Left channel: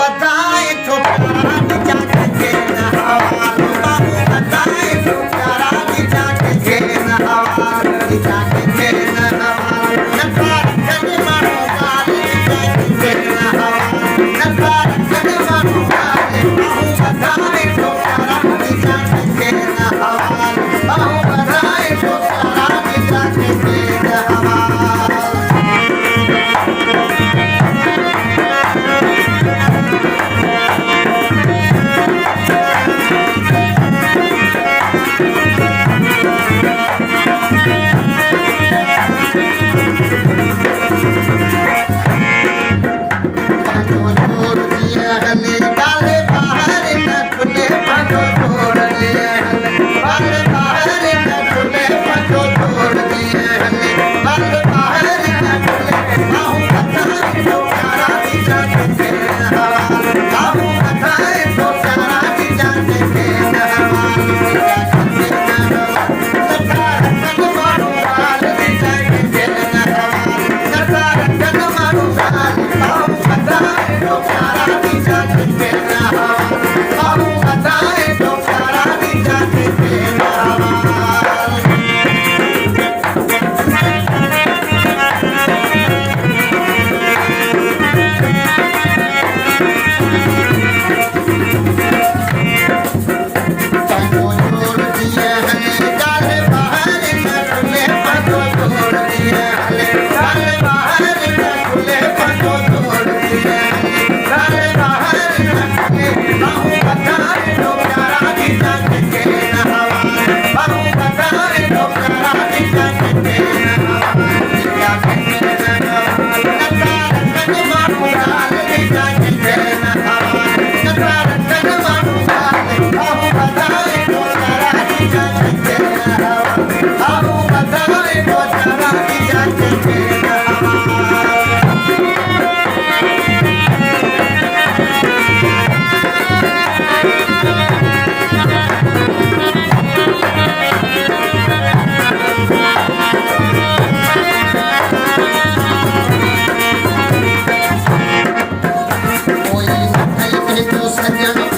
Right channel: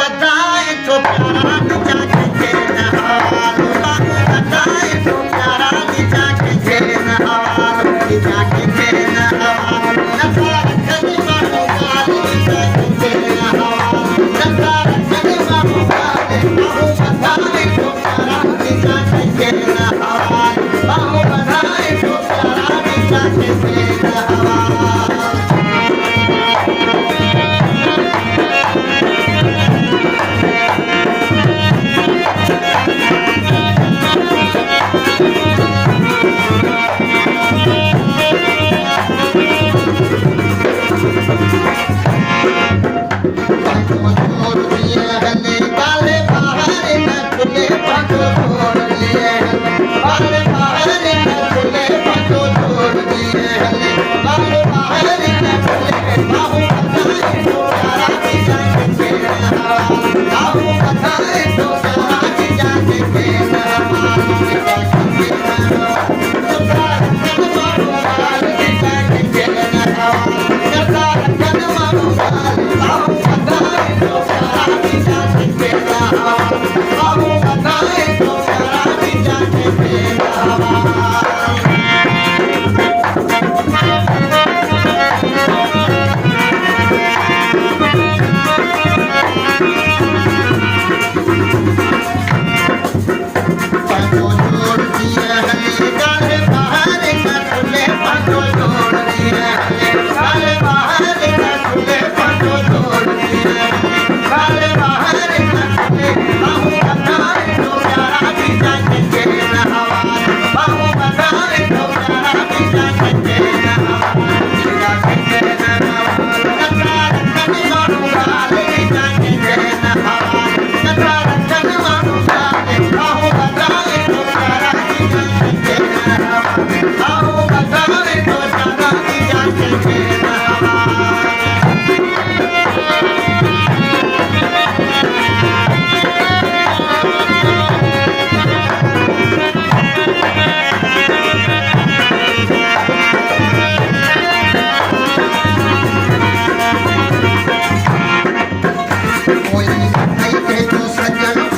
बधाए तो प्यारा नीचा के चैन हवाल बाहू बधाए तो प्यारा नीचा के चैन हवाल नीचा के चैन हवाल नकार कने मानो गाल नीचा के चैन हवाल नकार कने मानो गाल बाहू बधाए तो प्यारा नीचा के चैन हवाल बाहू बधाए तो प्यारा नीचा के चैन हवाल सजन